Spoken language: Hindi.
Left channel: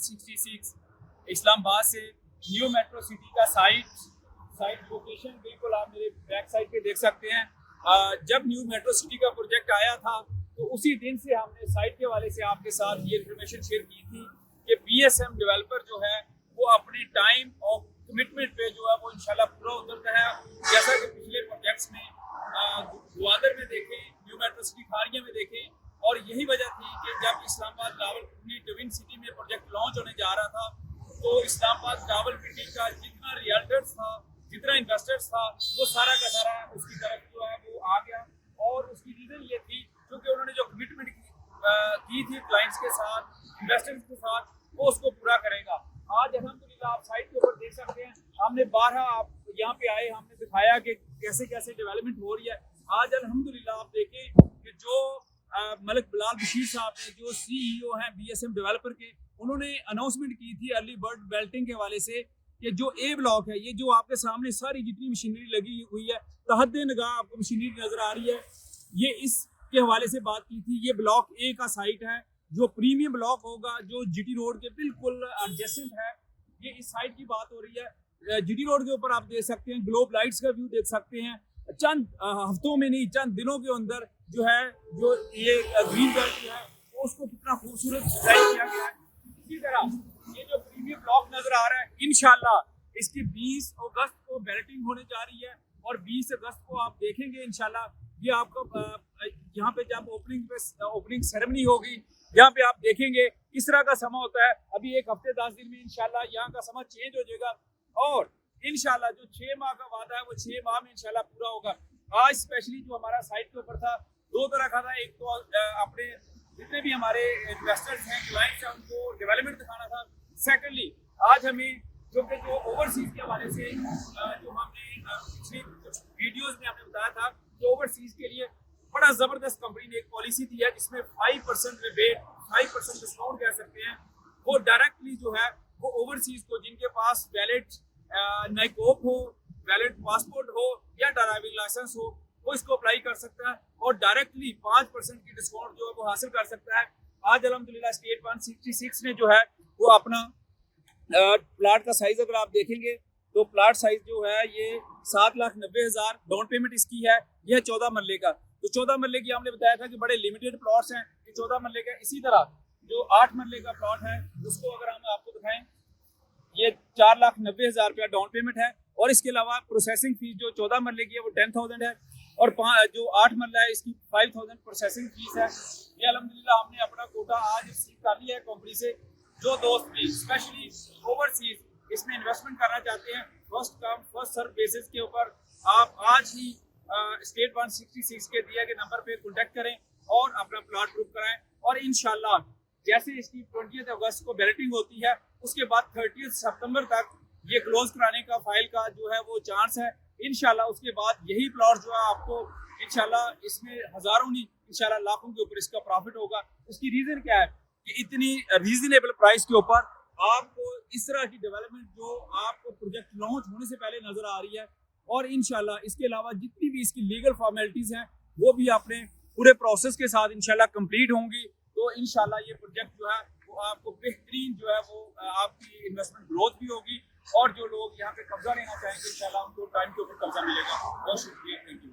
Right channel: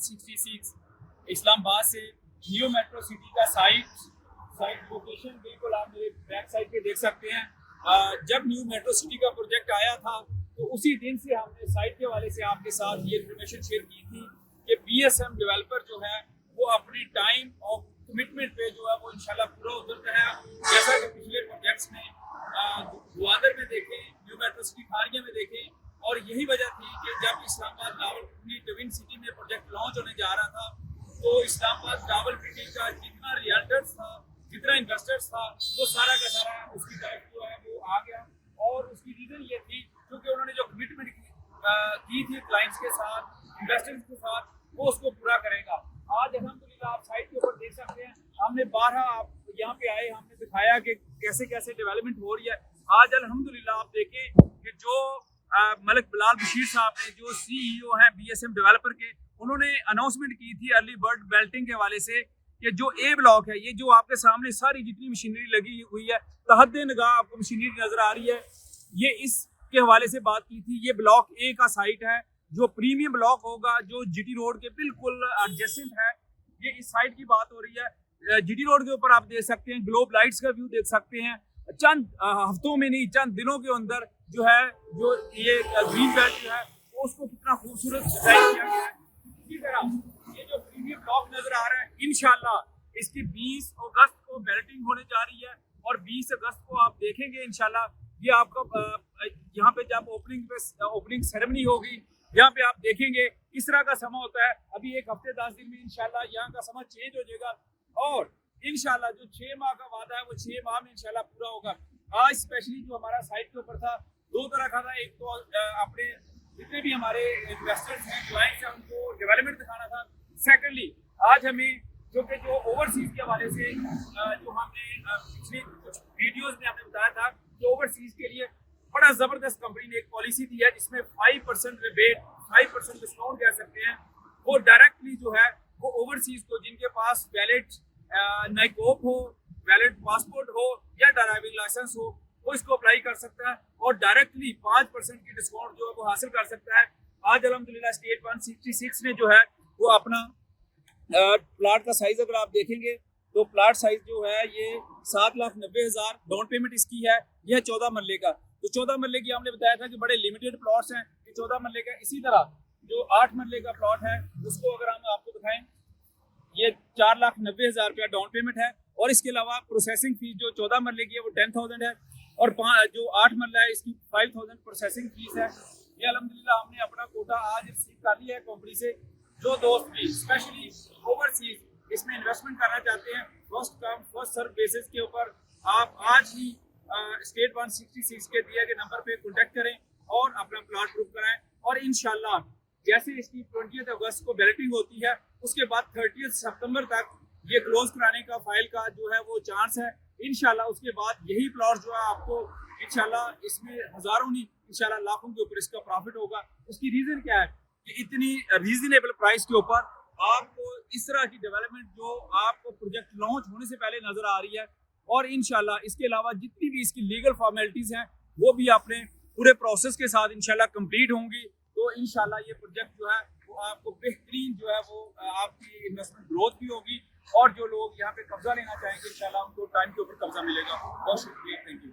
166 इस्लामाबाद से न्यू मेट्रो सिटी का साइट लोकेशन बिल्कुल आप मेरे बैक साइड पे देख सकते हैं। जब न्यू मेट्रो सिटी का प्रोजेक्ट आया था तो उसी दिन से हमने साइट के वाले से आपके साथ ये इन्फॉर्मेशन शेयर की थी कि बीएसएम डेवलपर जो है वो अपने टाइम और कमिटमेंट पे जो है वो इंशाल्लाह पूरा उतरता है। जैसा कि पिछले प्रोजेक्ट्स में ग्वादर में देखें, न्यू मेट्रो सिटी खारिया में देखें, और यही वजह थी कि जब इस्लामाबाद रावलपिंडी ट्विन सिटी में प्रोजेक्ट लॉन्च होने जा रहा था तो इस्लामाबाद रावलपिंडी का जितना रियल्टर्स था, जितना इन्वेस्टर्स था, वो सारा का सारा उसकी तरफ जो है वो आ गया। और उसकी रीज़न ये थी क्योंकि उन्होंने जो कमिटमेंट की थी क्लाइंट्स के साथ, इन्वेस्टर्स के साथ, वो उसको पूरा करेगा। आज अल्हम्दुलिल्लाह आप साइट के ऊपर देख सकते हैं, हमने 12 आप यहाँ पे आए, हमने दिखाया कि कैसे कैसे डेवलपमेंट हो रही है। आज अल्हम्दुलिल्लाह आप देखें कि जो मलिक बिलाल बशीर साहब ने, जो सीईओ हैं बीएसएम डेवलपर के, उन्होंने अनाउंसमेंट की थी अर्ली बर्ड बेल्टिंग के हवाले से कि जो ए ब्लॉक है, ये जो आपके सामने सारी जितनी मशीनरी लगी हुई है, तहद्दे निगाह आपको मशीनरी नजर आ रही है, ये इसके हवाले से बात की थी। ये ब्लॉक ए का साइट है जो प्रीमियम ब्लॉक होगा, जो जीटी रोड के बिल्कुल एडजेसेंट है। ये इस साइट की बात हो रही है। जीटी रोड के ऊपर आप देख सकते हैं, ग्लोब लाइट्स का व्यू देख सकते हैं। चंद हफ्तों में नहीं, चंद दिनों के अंदर जो है, जो ये ग्रीन बेल्ट जो है उसको कितना खूबसूरत डिजाइन किया गया है। इसी तरह ये जो प्रीमियम ब्लॉक नजर आ रहा है, इंशाल्लाह इसकी 20 अगस्त को बेल्टिंग होने जा रही है और 20 अगस्त को आप देखेंगे इंशाल्लाह ये आपका यहाँ पे जब ओपनिंग सेरेमनी होगी, यहाँ पे आप देखेंगे इस तरह का समा होता है। अभी एक हफ्ते 10 दिन में इंशाल्लाह यहाँ का समा चेंज हो जाएगा और इंशाल्लाह जो 6 माह का वादा है वो 6 माह में इंशाल्लाह पूरा होगा। आज स्पेशली जो हमारा साइट के ऊपर था, दो तरह का था। एक तो अपने जितने भी हमारे इन्वेस्टर्स हैं, क्लाइंट्स हैं, उनको डेवलपमेंट दिखाना था। सेकेंडली आज हमें क्योंकि जो ओवरसीज के हवाले से जो हमने पिछले कुछ वीडियोस में हमने बताया था कि ओवरसीज के लिए बड़ा जबरदस्त कंपनी ने एक पॉलिसी दी है जिसमें 5% रिबेट, 5% डिस्काउंट कह सकते हैं, वो डायरेक्टली जो है वो ओवरसीज को, जिनके पास वैलिड नाइकोप हो, वैलिड पासपोर्ट हो या ड्राइविंग लाइसेंस हो, वो इसको अप्लाई कर सकता है और डायरेक्टली 5% की डिस्काउंट जो है वो हासिल कर सकता है। आज अल्हम्दुलिल्लाह स्टेट 166 ने जो है वो अपना प्लाट का साइज अगर आप देखेंगे तो प्लाट साइज जो है ये 7,90,000 डाउन पेमेंट इसकी है। यह 14 मरले का, तो 14 मरले की हमने बताया था कि बड़े लिमिटेड प्लॉट्स हैं, ये 14 मरले का। इसी तरह जो 8 मरले का प्लॉट है उसको अगर हम आपको दिखाएं, ये 4,90,000 रुपया डाउन पेमेंट है और इसके अलावा प्रोसेसिंग फीस जो 14 मरले की है वो 10,000 है और जो 8 मरला है इसकी 5,000 प्रोसेसिंग फीस है। ये अल्हम्दुलिल्लाह हमने अपना कोटा आज रिसीव कर लिया है कंपनी से। जो दोस्त भी स्पेशली ओवरसीज इसमें इन्वेस्टमेंट करना चाहते हैं, first come first serve basis के ऊपर आप आज ही स्टेट 166 के दिए गए नंबर पे कॉन्टेक्ट करें और अपना प्लॉट बुक कराएं। और इंशाल्लाह जैसे इसकी 20 अगस्त को बैलेटिंग होती है उसके बाद 30 सितंबर तक ये क्लोज कराने का फाइल का जो है वो चांस है। इंशाल्लाह उसके बाद यही प्लॉट जो है आपको इंशाल्लाह इसमें हजारों नहीं इंशाल्लाह लाखों के ऊपर इसका प्रॉफिट होगा। उसकी रीजन क्या है कि इतनी रीजनेबल प्राइस के ऊपर आपको इस तरह की डेवलपमेंट जो आपको प्रोजेक्ट लॉन्च होने से पहले नजर आ रही है। और इंशाल्लाह इसके अलावा जितनी भी इसकी लीगल फॉर्मेलिटीज हैं वो भी अपने पूरे प्रोसेस के साथ इंशाल्लाह कंप्लीट होंगी। तो इंशाल्लाह ये प्रोजेक्ट जो है वो आपको बेहतरीन जो है वो आपकी इन्वेस्टमेंट ग्रोथ भी होगी और जो लोग यहाँ पे कब्जा लेना चाहेंगे इंशाल्लाह उनको टाइम के ऊपर कब्जा मिलेगा। बहुत शुक्रिया, थैंक यू।